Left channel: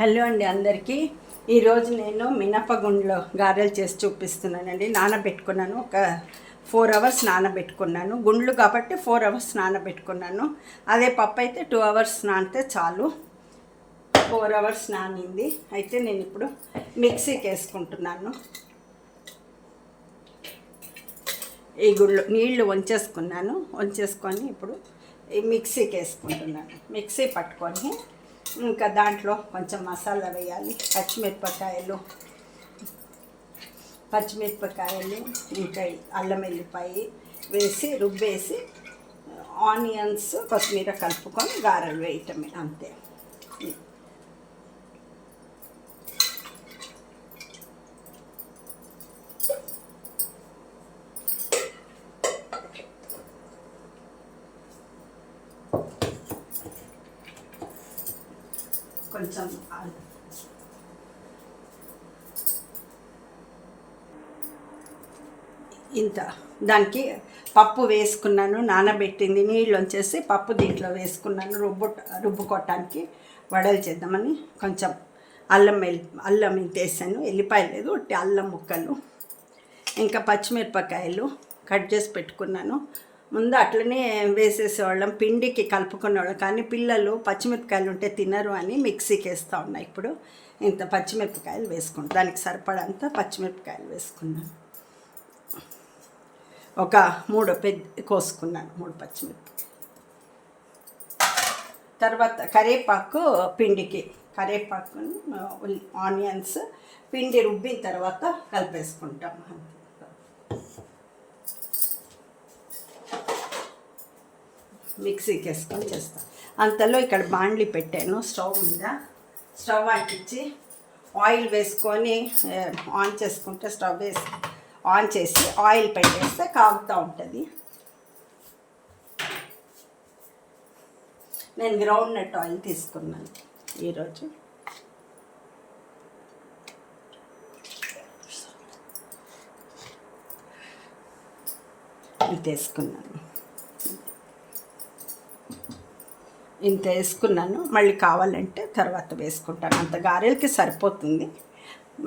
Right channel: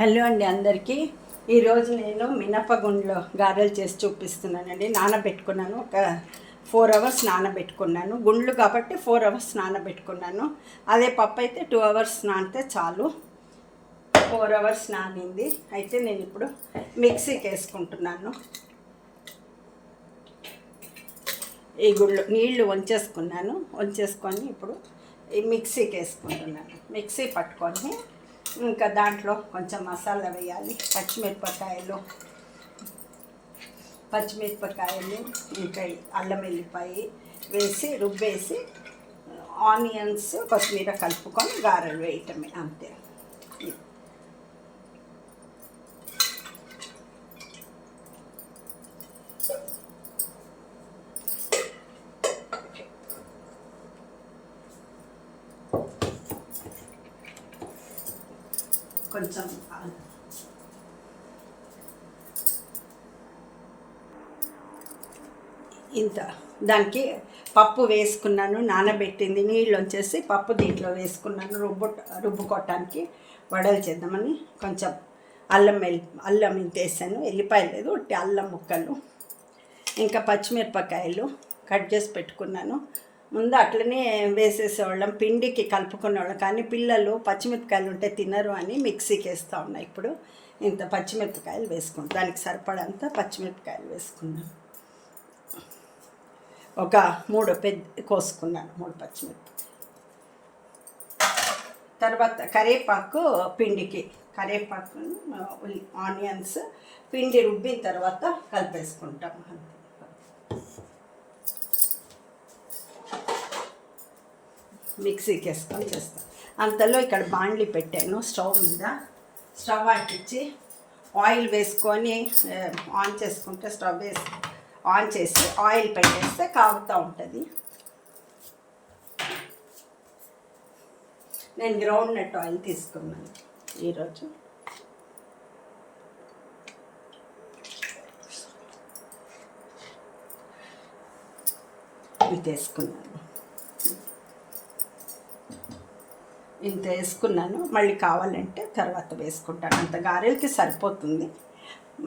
Hello అండి అందరికీ. ఈరోజు నేను మినపగుండ్లో గారెలు చేసి చూపిస్తున్నానండి. నానబెట్టుకున్నాను, ఒక 4 అవర్స్ నానబెట్టుకున్నాను. గుండ్లు కాబట్టి 4 అవర్స్ నానబెట్టుకున్నాను. అదే పప్పు అయితే 2 అవర్స్ నానితే చాలు. 4 అవర్స్ నానింది. అయితే నేను ఇప్పుడు మిక్సీకి వేసుకుంటున్నాను. ఈ గుళ్ళు నీళ్లు వంచేసుకొని ఇప్పుడు ఈ మిక్సీకి వేసుకుంటున్నాను. మిక్సీ పట్టుకొని ఇంకా దాంట్లో కొంచెం మసాలా వేయాలి. పచ్చిమిరపకాయలు ఇంకా అల్లం వెల్లిపాయ వేసి రుబ్బేసి ఆనియన్స్ కొత్తిమీర కలుపుకొని గారెలు వేయటమే, అంతే. కొంచెం ఇంత దానికి పప్పు వేసుకున్నాను, నానబెట్టింది నీళ్ళు వచ్చేసి పప్పు దీంట్లో వేసుకున్నాను. రుబ్బుకోవటానికి వడలు చేద్దామని కొంచెం అల్లం ఇంత వేసాను. ఎల్లిపాయలు లేదు, అల్లం ముక్కలు, ఇంకా పచ్చిమిరపకాయలు కట్ చేసి పెట్టుకున్నాను. ముందు అట్లనే వేసేసేవాళ్ళం, పిండికి కలుపుకునేవాళ్ళం. కానీ పిల్లలు పచ్చిమిరపకాయలు ఉంటే తినరు అని మిక్సీకి వేస్తూ ఉన్నాయి. ఇప్పుడు ఇంత పచ్చిమిరపకాయలు వేసుకున్నాను, దానికి సరిపడంత పచ్చిమిరపకాయలు వేసుకున్నాను. ఒక 3 కోసుకున్నాను, 3 పచ్చిమిరపకాయలు. తర్వాత కరివేపాకును ఆనియన్స్ పిండి రుబ్బిన తర్వాత కలిపేసుకుంటాం. మిక్సీకి వేసుకొని చేస్తాను. అంతలో ఇక్కడ బాండ్లీ పెట్టాను స్టవ్ మీద. స్టవ్ అంటించి ఆయిల్ వేసుకొని ఆన్ చేసుకుంటే ఆన్ చేసి ఆయిల్ పెట్టేస్తే కాగుతూ ఉంటుంది. నేను గ్రౌండ్ నట్ ఆయిల్ తీసుకున్నాను ఈరోజు. ఇది ఇంత వేసుకున్నాను. మళ్ళీ కావాలంటే తర్వాత వేసుకుంటాను. అంత గారెలకి సరిపోతుంది.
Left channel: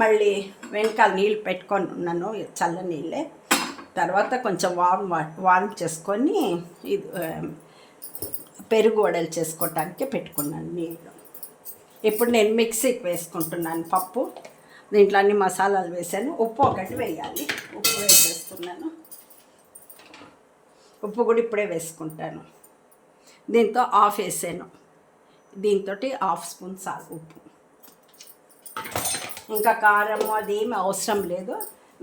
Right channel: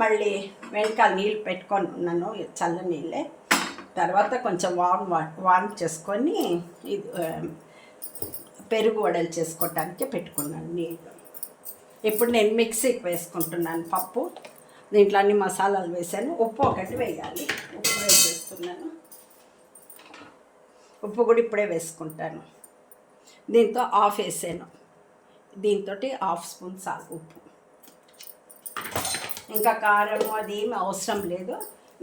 మళ్ళీ వెనకాల నీళ్ళు పెట్టుకొని ఉన్నాను, చల్ల నీళ్ళే. తర్వాత కొంచెం వామ్ చేసుకొని ఇది పెరుగు వడలు చేసుకోవటానికి పెట్టుకున్నాను నీళ్ళు. ఇప్పుడు నేను మిక్సీకి వేసుకుంటున్నాను పప్పు. దీంట్లో అన్ని మసాలాలు వేసాను. ఉప్పు ఒకటి వేయాలి, ఉప్పు వేసేసుకున్నాను. ఉప్పు కూడా ఇప్పుడే వేసుకుంటాను. దీంతో ఆఫ్ వేసాను. దీంతో 1/2 స్పూన్ చాలు ఉప్పు. ఇంకా కారం అది ఏమి అవసరం లేదు.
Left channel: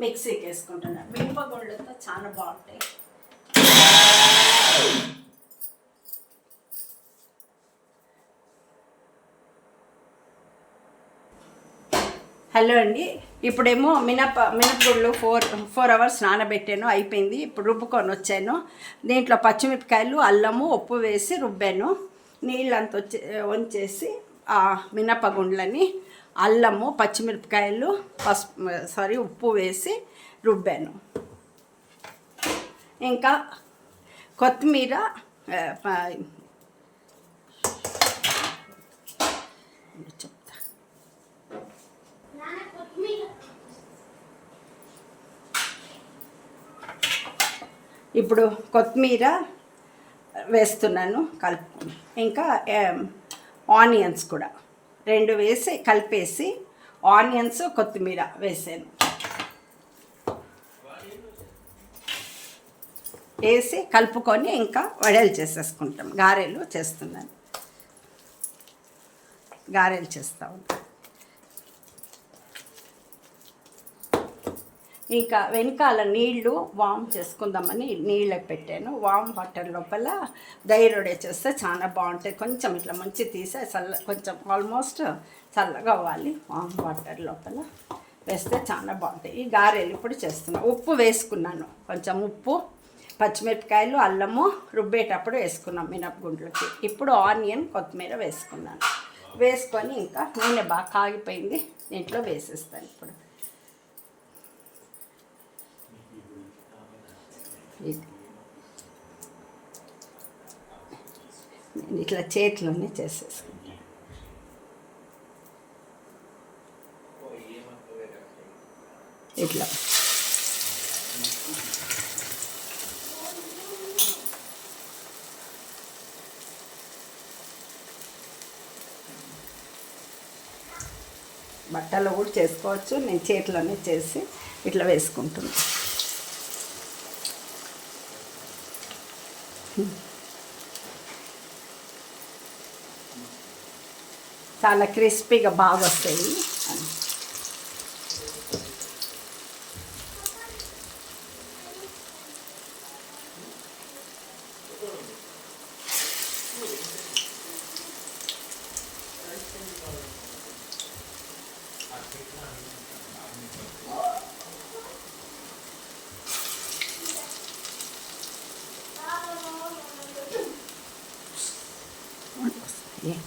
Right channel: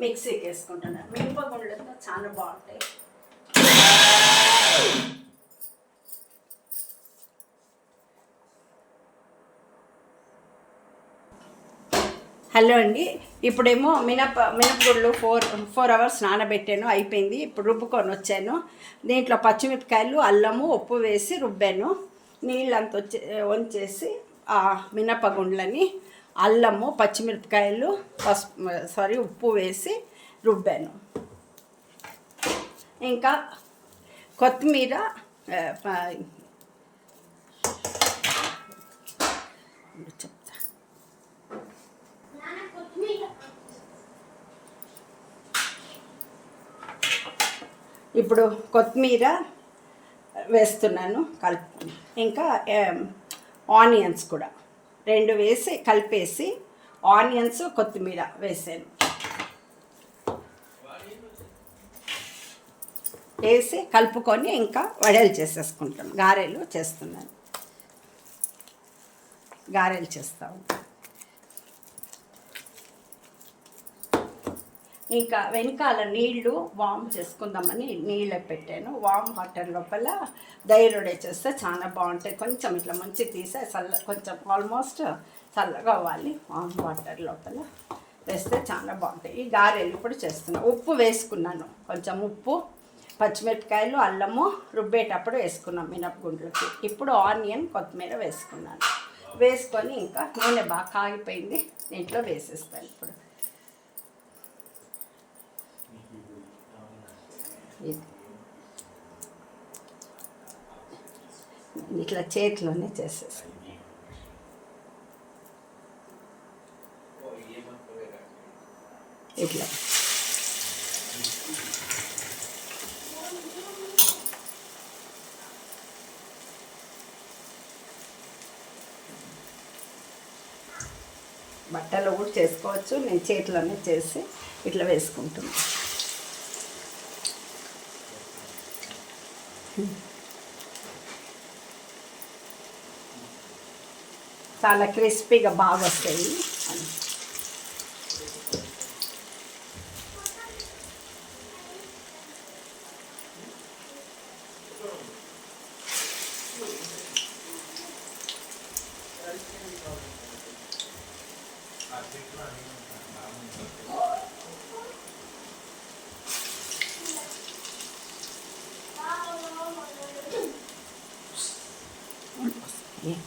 మిక్సీకి వేసుకుంటున్నాను. మినపగుండ్లతో చాలా బాగుంటాయి. హలో అండి. ఇప్పుడేమో మినపగుళ్ళు 4 అవర్స్ నానబెట్టాను, అయిపోయింది. ఇప్పుడు రుబ్బుకొని వచ్చాను. దీంట్లో పచ్చిమిరపకాయలు, అల్లము, ఉప్పు వేసి రుబ్బాను. నీళ్ళంతా వంచేసి ఆ మినపగుండ్లని అల్లము, పచ్చిమిరపకాయలు, ఉప్పు వేసి రుబ్బాను. ఇంకా కొత్తిమీర, ఇప్పుడు కొత్తిమీర వేస్తున్నాను కలుపుకొని. ఇంకా ఆనియన్స్ కూడా 2 వేసి కలిపేసి ఆనియన్స్, కొత్తిమీర వేసాను. వేసి కలుపుకొని ఇంకా వడలు చేసేసుకుంటాం. గారెలు చేస్తున్నాను, గారెలు చేస్తూ ఉంటాను. ఇంకా వెనకాల నీళ్లు వామ్ చేసుకుందామని నీళ్ళకి పెట్టాను. వామ్ వాటర్ లోపల దైరొడే చేస్తే చాలా బాగుంటాయి. కొంచెం ఇట్లా మంచి తీసే కొంచెం ఆల్మోస్ట్ చల్లగా అవ్వాలి. వామ్ వాటర్ లోపల వేస్తే చాలా బాగుంటాయి. ఈ గారెలు ఇప్పుడు చేస్తున్నాను. ఉప్పు వేసుకున్నాను, కొంచెం ఉప్పు, పచ్చిమిరపకాయలు, అల్లము రుబ్బేటప్పుడు వేసుకున్నాం మినపగుండ్లకి. ఇప్పుడు ఆనియన్, కొత్తిమీర వేసుకున్నాను. వేసుకొని ఇంకా నూనె బాగా కాగిపోయింది, దీంట్లో వేసేస్తాను. ఇప్పుడు ఇట్లా చేతిలోనే చేసేసాను. ఇట్లా బట్టలు కూడా చేసుకోవచ్చు. నేను చేతిలోనే చేసి ఇట్లా వేసుకుంటున్నాను. చాలా క్రిస్పీగా బాగా వస్తాయి. Yeah.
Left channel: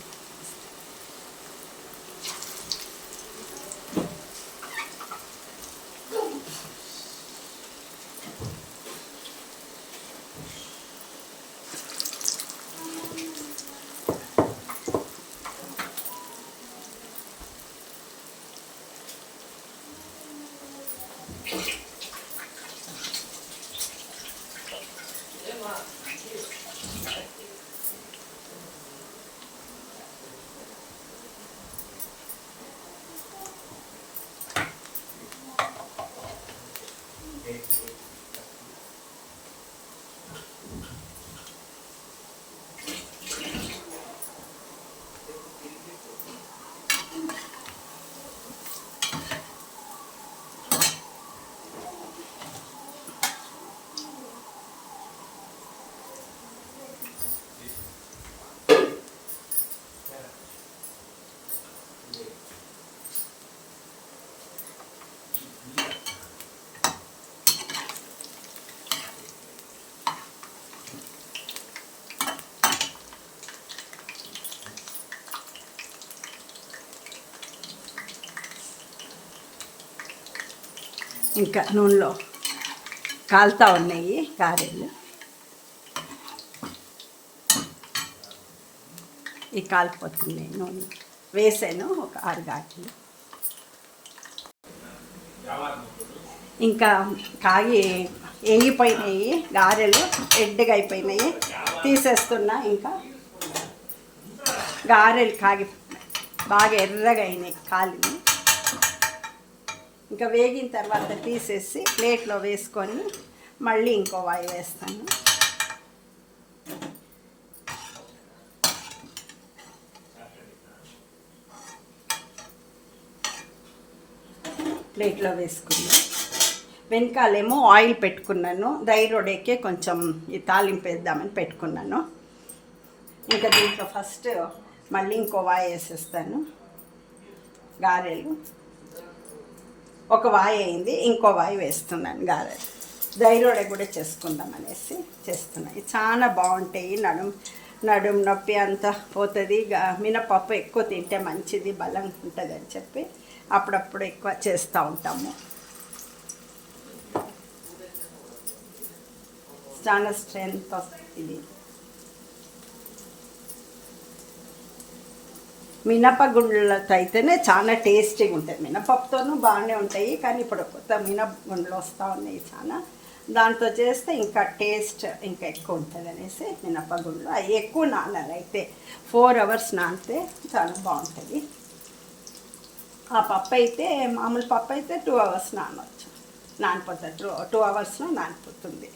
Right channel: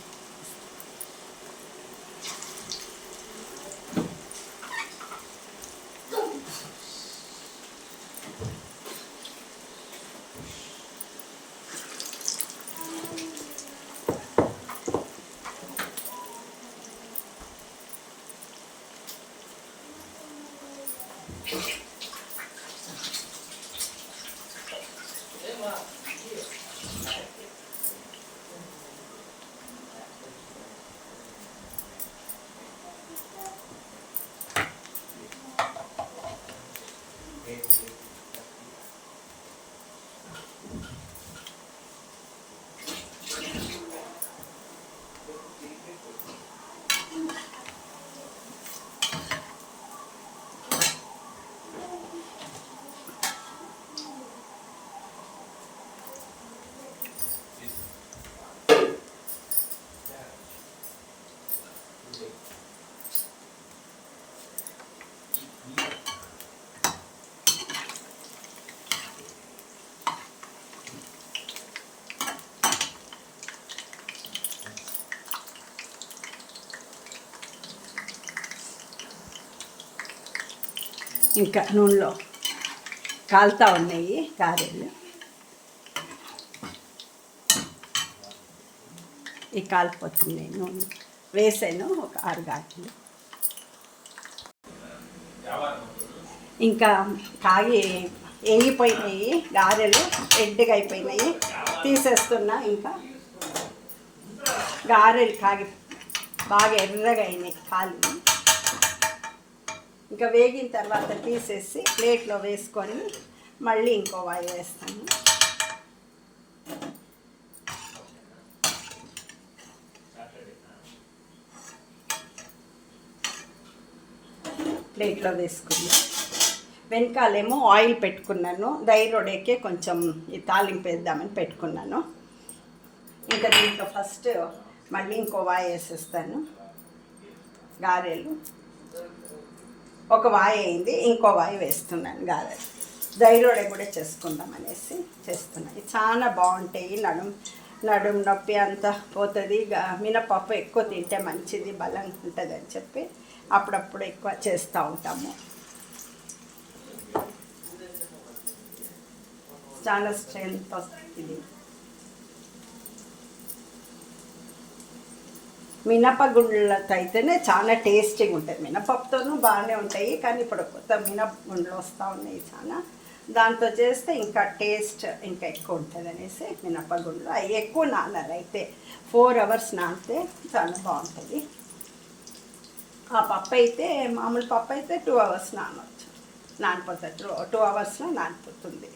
ఇంకా నూనెలో కాలుతూ ఉన్నాయి గారెలు. ఈ కాలిపోతుంది. నూనె వేసాను ఒక 6 గారెలు. ఇంకా కాగి వేగిపోయినాయి గారెలు, రెడ్గా అయిపోయినాయి, తీసేస్తున్నా. ఇంకా గారెలు కాగి బాగా ఎర్రగా అయినాయి, కాలి. ఇంకా వేగిన తర్వాత తీసేసి ప్లేట్లో వేసుకొని మళ్ళీ ఇంకో వాయి వేస్తాను. ప్లేట్లో వేసుకున్నాను. వెనకాలేమో ఆయిల్ పెట్టుకున్నాను. ధైర్యడేకే కొంచెం ఈ తాలింపు వేద్దామని పెట్టుకున్నాను. ఇంకా దీంట్లో ఫస్ట్ మళ్ళీ ఇంకో వాయి వేసేస్తాను. గారెలు ఒక వాయి అయింది, ఇంకో వాయి వేస్తున్నాను. గారెలు ధైర్యడే కూడా చేసుకుందాం అనేసి చేస్తున్నాను. చాలా బాగుంటాయి. నడుం నొప్పి అంతా పోతుంది. మినపప్పు ఎక్కువ తింటే మంచిది, బలం ఉంటుంది అని చెప్పి అప్పుడప్పుడు ఎక్కువ చేస్తూ ఉంటాము. చాలా స్ట్రెంత్ వస్తుంది. మినపగుండ్లతో అయితేనే చాలా టేస్టీగా ఉంటుంది. మినపప్పుతోనూ బాగానే ఉంటాయి, కానీ ఇప్పుడు కొత్త మినపగుండ్లు వస్తూ ఉన్నాయి చాలా. దాంతో చేస్తే ఇంకా టేస్ట్ ఇంకా ఎక్కువ ఉంటుంది అనేసి మినపగుండ్లు అవి ఎక్కువ నానాలి. అయితే 4 hours నానితే చాలా బాగుంటుంది. ఆ పప్పు అయితే మామూలు పప్పు అయితే 2 hours నానవచ్చు, నానిపోతుంది. 2 hours నానిపోతుంది.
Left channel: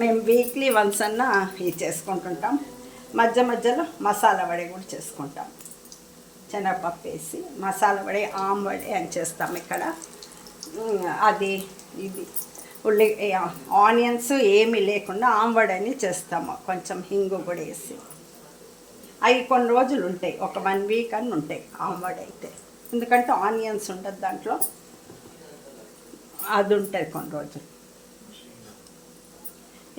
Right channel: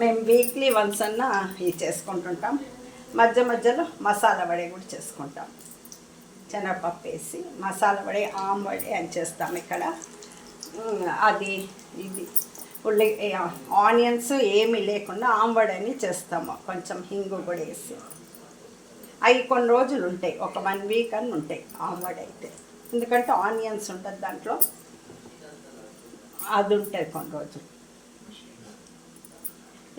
మేము వీక్లీ వన్స్ అన్నా ఇది చేసుకుంటుంటాం. మధ్య మధ్యలో మసాలా వడే కూడా చేసుకుంటాం. శనగపప్పు వేసి మసాలా వడే, ఆమ్ వడే అని చేస్తాం ఇక్కడ. అది ఇది ఆనియన్స్ ఏమీ లేకుండా ఆమ్ వడ అని చేస్తాము. కొంచెం హింగు కూడా వేసి అవి కొన్ని రోజులు ఉంటాయి, ఒక 1 week అని ఉంటాయి ఆమ్ వడ అయితే. ఎందుకంటే ఆనియన్స్ ఉంటుంది దాంట్లో, అది ఉంటుంది కొన్ని రోజులు.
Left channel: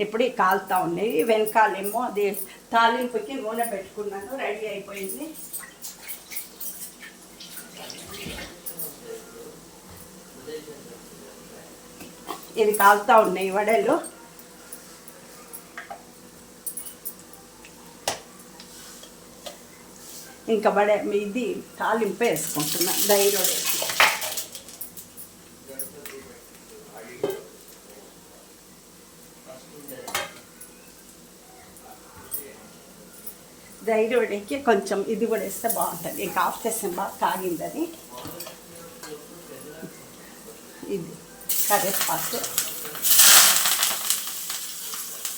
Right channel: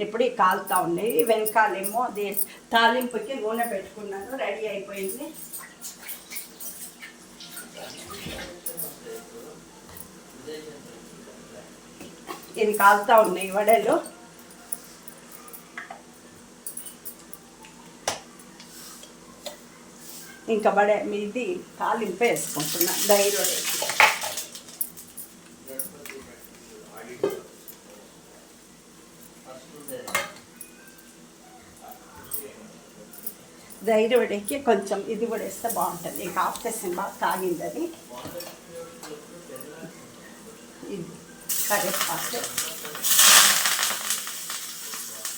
ఇప్పుడు ఈ కాలుతూ ఉన్నాయి. వెనకాలేమో అది తాలింపుకి నూనె పెట్టుకున్నాను, రెడీ అయిపోయింది. ఇది కాలుతూ ఉన్నాయి వడలు. ఇంకా ఇది తాలింపు వేసుకుంటున్నాను ధైర్యం. ధైర్యకి కొంచెం ఇది కూడా వేస్తే బాగుంటుంది. ఇంకా ఆఫ్టేషన్ బాగా కాగిందని ఇది కరివేపాకు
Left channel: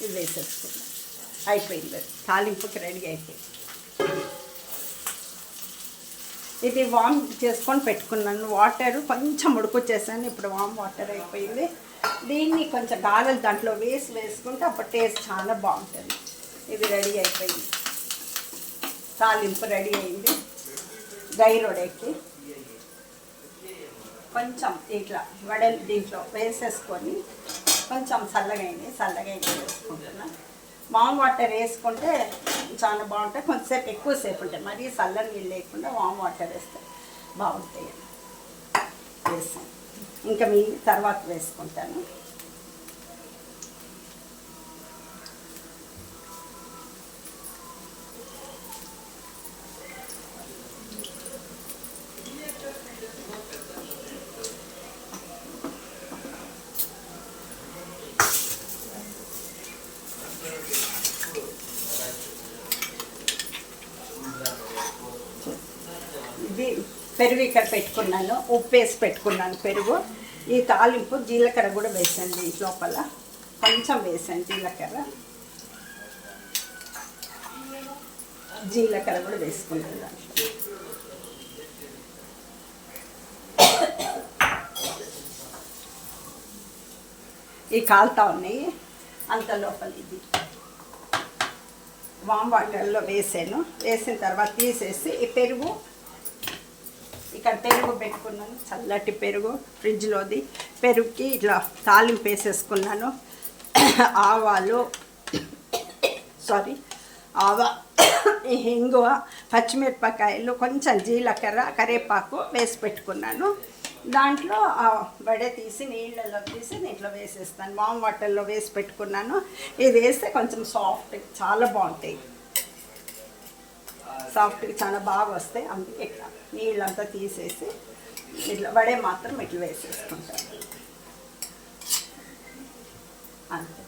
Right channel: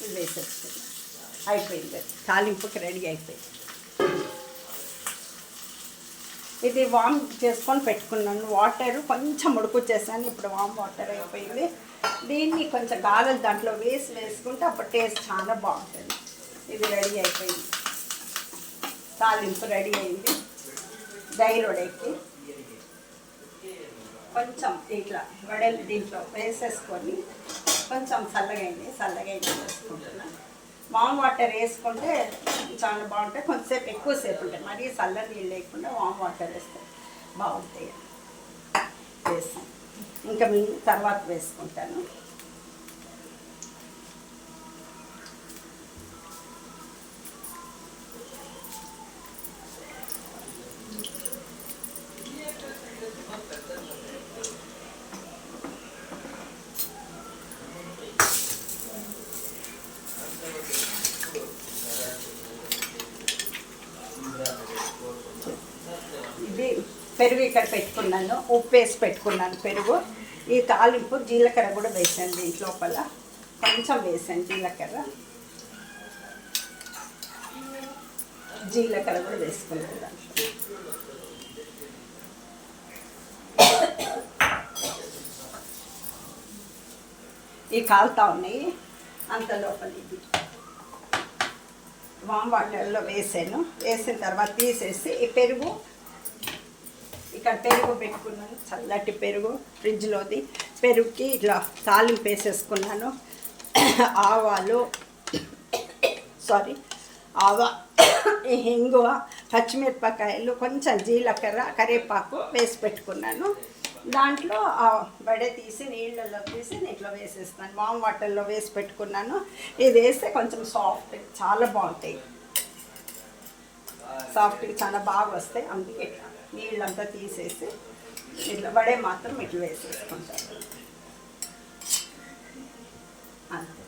ఇది వేసేస్తుంది. అయిపోయింది, తాలింపుకి రెడీ అయిపోయింది. ఇది వామ్ చేసుకొని పెట్టుకున్నాను. వాటర్ కొంచెం ఉడుకు చేశాను, ఇప్పుడు వామ్ వాటర్ అయిపోయింది. దీన్ని కొంచెం గారెలు దాంట్లో వేసుకుంటే అప్పుడు టేస్ట్ చాలా బాగుంటుంది. ఇది రెడీ అయిపోయింది, తాలింపు రెడీ అయింది. ధైర్యకి కొంచెం ఇట్లా వడలు దీంట్లో వేసేసుకొని కొంచెం చల్లగా వేసుకుంటున్నాను. వామ్ వాటర్ వేసుకుంటే చాలా బాగుంటాయి. కొంచెంసేపు ఎక్కువసేపు ఉంటాయి. మరీ చల్ల నీళ్ళు లేకుండా వామ్ వాటర్ వేస్తే బాగుంటాయి. వేసాను, ఇంకా మీ తర్వాత వేసుకుంటాను. ఇది పెరుగు ఇక్కడ పెట్టుకున్నాను, ఉప్పు వేసి పెట్టుకున్నాను పెరుగు. ఈ తాలింపు జీలకర్ర కూడా వేసాను దీంట్లో, లోపల కొంచెం వేసాను జీలకర్ర కూడా వేసుకున్నాను దాంట్లో. ఈ కాలుతా ఉన్నాయి అంత లోపల ఇది వామ్ వాటర్లో వేసాను. వేసిన తర్వాత తీసేసి ఈ పెరుగు ఇక్కడ పెరుగు పెట్టుకున్నాను, చల్లటి పెరుగు ఫ్రిడ్జ్లోది. పెరుగుకి ఇట్లా తాలింపు వేసేసుకున్నాను. ఇంగువ, పచ్చిమిరపకాయలు, కొంచెం జీలకర్ర, కరివేపాకు వేసి పెట్టుకున్నాను. దాంట్లో వడ తీసి నీళ్ళలో తీసి దీంట్లో వేసేస్తాను. వామ్ వాటర్లో వేసి పెట్టుకున్నాను. ఇది వేస్తే కొంచెం సాఫ్ట్, చాలా బాగుంటాయి. సాఫ్ట్గా చాలా బాగా వస్తాయి. అందుకే ఇట్లా నీళ్ళంతా తీసేసి ఇట్లా వడే మాత్రం ఇట్లా వేసేసుకుంటాను అంతే.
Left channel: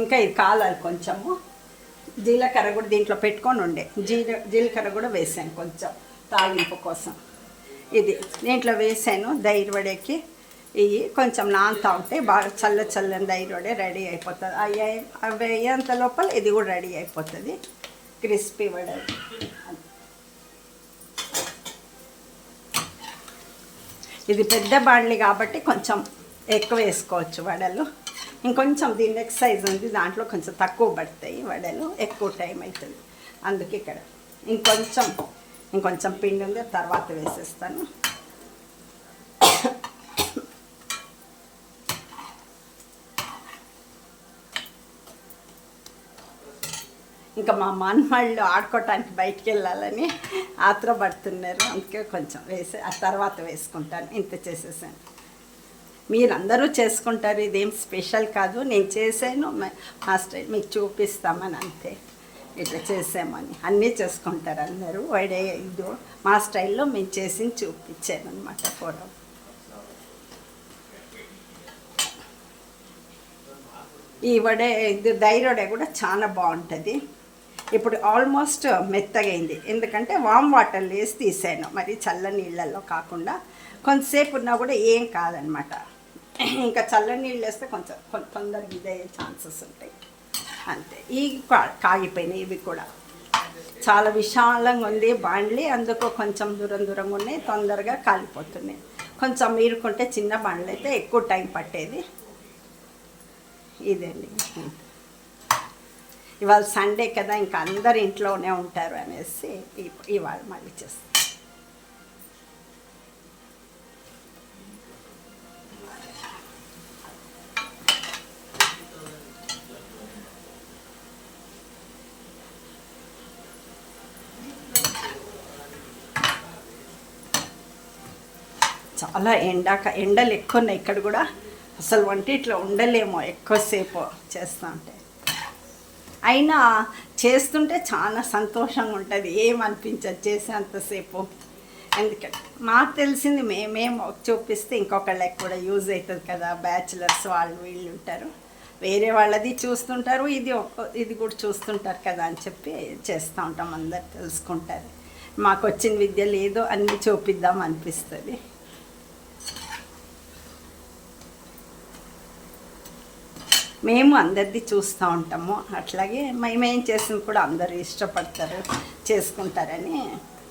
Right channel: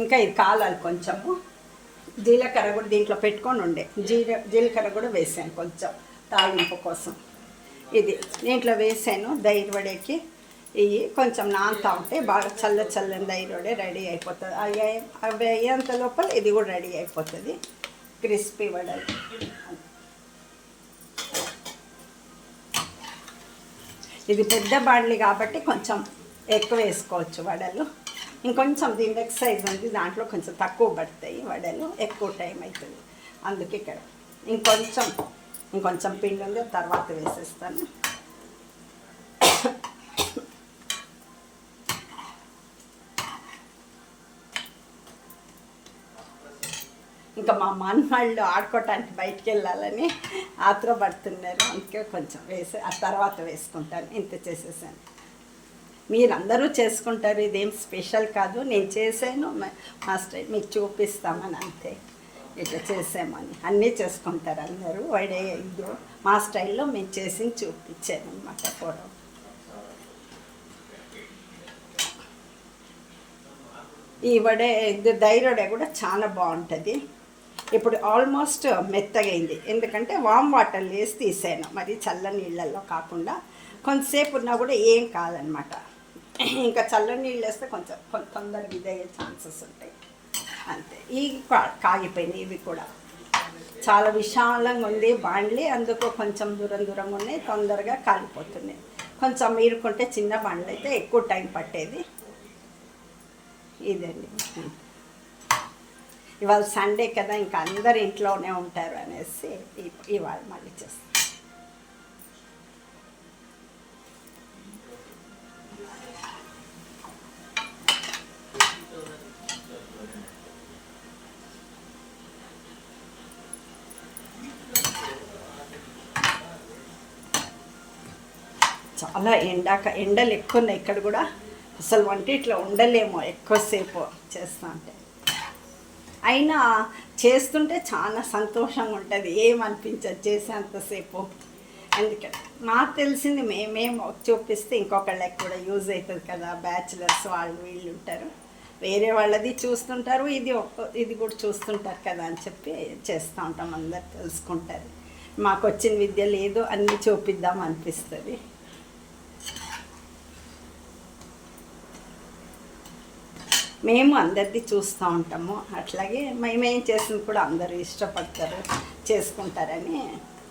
ఇంకా ఇది కాలాలి కొంచెము. జీలకర్ర కూడా దీంట్లో పెట్టుకొని ఉండే జీలకర్ర కూడా వేసాను కొంచెం తాలింపు కోసం. ఇది దీంట్లో వేసాను. ధైర్యవడకి ఇవి కొంచెం నానుతా ఉంటే బాగా చల్లని ధైర్యవడే రెడీ అయిపోతుంది. అవి అయ్యేంత లోపల ఇది కూడా రెడీ అయిపోతుంది, క్రిస్పీ వడలు. ఇది పెద్ద బాండ్లీ కాబట్టి కొంచెం ఎక్కువ వేసుకోవచ్చు వడలు. ఇంకొంచెం దీని సైజ్ ఉంది, దాంట్లో కొంచెం తక్కువ పడతాయి వడలు, ఎక్కువ టైం అవుతుంది. అందుకే ఇక్కడ ఇంకొంచెం పిండి ఉంది, తర్వాత వేసేస్తాను. ఇంకా మా మనవాళ్ళు ఆడుకోవటానికి బయటికి వెళ్ళాలని ఆత్రపడుతున్నారు, అందుకే కొంచెం ఆ తర్వాత వేసుకుంటాను. ఇంత చేసేసాను. మీరందరూ చేసుకుంటారు, ఇదేం స్పెషల్ కాదు. నేను చేశాను, మా స్టైల్ మీకు చూపిస్తామని అంతే. ఇట్లా చేసామని అన్నీ చేసుకుంటారు అందరూ. వడే ఇది మా స్టైల్లో మేము చేసి చూపించాను అన్నమాట. కూర ఈ వడే ఇది ధైర్యడే కూడా చాలా బాగుంటుంది. ఇప్పుడు ఆల్మోస్ట్ మెత్తగైంది, ఎందుకంటే వామ్ వాటర్లో వేసి తీసాను. మరి చల్ల నీళ్ళల్లో కాకుండా కొంతసేపు ఉన్నా కూడా ఏం కాదనమాట. ఇంకా చల్లని నీళ్ళు వేస్తే కొంచెం తొందరగా ఇదయ్యే ఛాన్సెస్ ఉంటాయి అంతే. ఈ కాగిపోయినాయి, ఇవి కూడా చాలా విశాలంగా ఉంది బాండ్లీ, అందుకు కొంచెం దూరంగా ఉన్నాయి, తొందరగా కాలిపోతున్నాయి. కొంచెం మీరుకుంటే చిన్న బాండ్లు అయితే ఎక్కువ టైం పట్టేది. ఇదండి, ఇవాళ సండే కదా, ఇంకా అందరు ఇంట్లోనే ఉంటారు అనేసి ఇవాళ మళ్ళీ చేస్తాను. చాలా ఎండలు ఎక్కువ ఉన్నాయి ఇక్కడ కూడా. అసలు వంటిట్లో ఉండలేమో ఎక్కువసేపు చేస్తూ ఉంటే. అయినా చేస్తుంటే చాలా సంతోషంగా ఉంటుంది, ఏమనిపించదు చేసేంతసేపు. అందుకని మాకు తెలిసింది మేమేమో చూపిస్తే ఇంకొకళ్ళకి కూడా యూజ్ అవుతుంది కదా, బ్యాచిలర్స్ వాళ్ళు వీళ్ళు ఉంటారు, వేరే వాళ్ళది చూస్తుంటారు, ఇది కూడా చూస్తుంటారు కదా అని చెప్పి చేస్తూ ఉంటాం. అందరు తెలుసుకుంటారు. మాకు వచ్చిన విద్య లేదో అన్నీ చూపిద్దాం అనిపిస్తుంది. మేము అందరిది చూస్తూ ఉంటాము. అట్లాగే మేమేం చేసింది కూడా అందరూ ఇష్టపడతారు, చేసుకుంటారని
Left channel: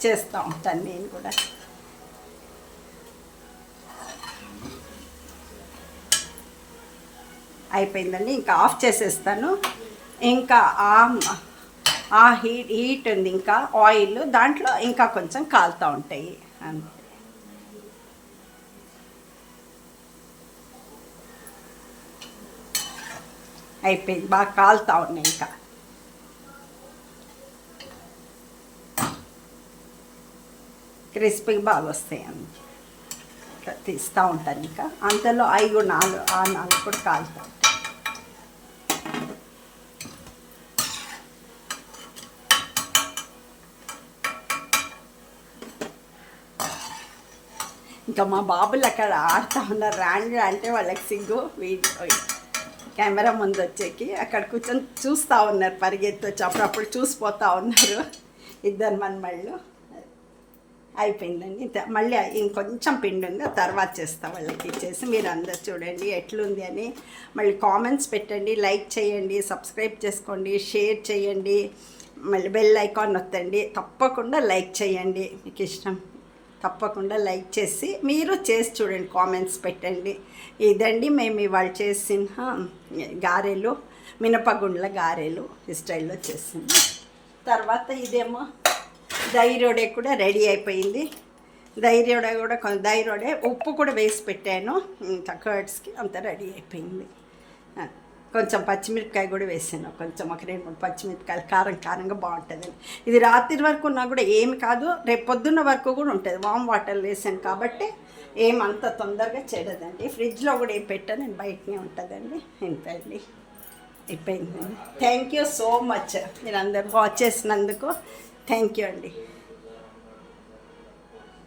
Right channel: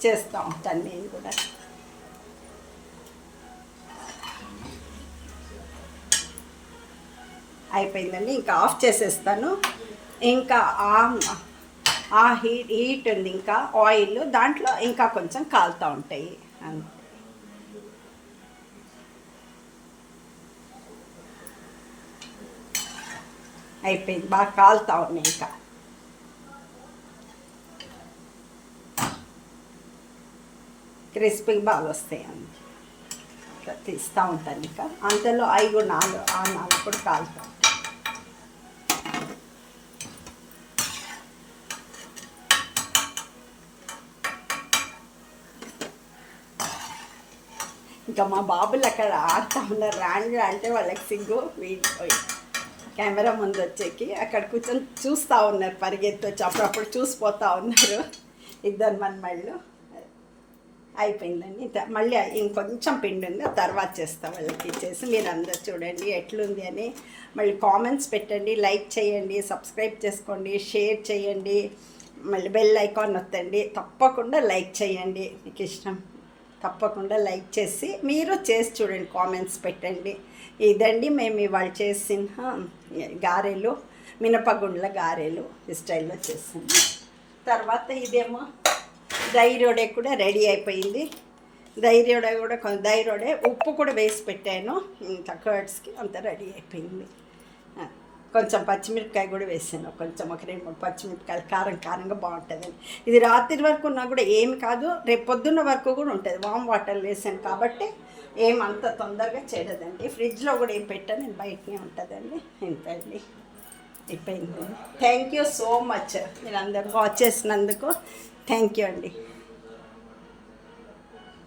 చేస్తూ ఉంటాను నేను కూడా. అయిపోయిందండి, ఇంకా ఆఫ్ చేసేస్తాను. ఇంకా ఆ హీట్ ఉంది, ఇంకా ఆయిల్ దాంట్లో ఇంకా కొంచెం కాలుతూ ఉంటాయి అంతే. అయిపోయింది, బాగా కాలుతూ ఉన్నాయి. ఇంకా క్రిస్పీగా బాగా వస్తాయి అన్నీ తీస్తూ ఉంటాను. ఇంకా అంతలో అవి నాలుగు కూడా కాలుతా. ఇంకా మా బాబులు అక్కడ ఆడుతూ ఉన్నారు. రాండి అంటే వాళ్ళకి సిగ్గు, కెమెరా ముందు వచ్చేకి అక్కడ కూర్చొని చూస్తూ ఉన్నారు, పరిగెత్తి వచ్చి అప్పుడప్పుడు చూసిపోతూ ఉన్నారు ఇద్దరు మనమళ్ళు. అయిపోయిందండి, మళ్ళీ ఇంకొంచెం పిండి ఉంది, తర్వాత చేస్తా వాళ్ళకి ఇచ్చేసి. మీరు అందరు చూడండి ఎట్లుంది అని, మళ్ళీ కామెంట్స్ పెట్టండి, లైక్ చేయండి, సబ్స్క్రైబ్ చేసుకోండి, షేర్ చేయండి, మళ్ళీ బెల్ ఐకాన్ నొత్తండి. తప్పకుండా లైక్ చేయండి, మీకు ఇష్టం తప్పకుండా లైక్ చేసి మీరు చేసి చూడండి, కామెంట్స్ పెట్టండి. ఇదండి మేము ఇవాళ చేసిన గారెలు, మినపగుండ్ల గారెలు ఈ స్టైల్లో చేసింది. తర్వాత ఇదేమో ధైర్యోడే కూడా రెడీ అయిపోయింది. ధైర్యోడే కూడా ధైర్యోడే ఉప్పు కూడా వేసి పెట్టాను, ఇంకా కర్డ్స్కి అంతా రెడీ అయిపోయింది. కొంచెం పచ్చిమిరపకాయ కూడా వేసాను, కొంచెం ఒక 2-3 పచ్చిమిరపకాయలు కారంగా బాగుంటుంది. ఇది రాత్రి వరకు ఉన్నా కూడా ఏమి కాదు, రేపు పొద్దున్న వరకు కూడా ఉంటుంది. వామ్ వాటర్ వేసాను కాబట్టి ఏమంత తొందరగా చెడదండి. ఫ్రిడ్జ్లో కూడా ఏం పెట్టాను, నేను బయటనే ఉంటుందండి. ఇంతండి అయిపోయింది. థ్యాంక్ యూ సో మచ్, మీరు అందరు వాచ్ చేసినందుకు థ్యాంక్ యూ అండి.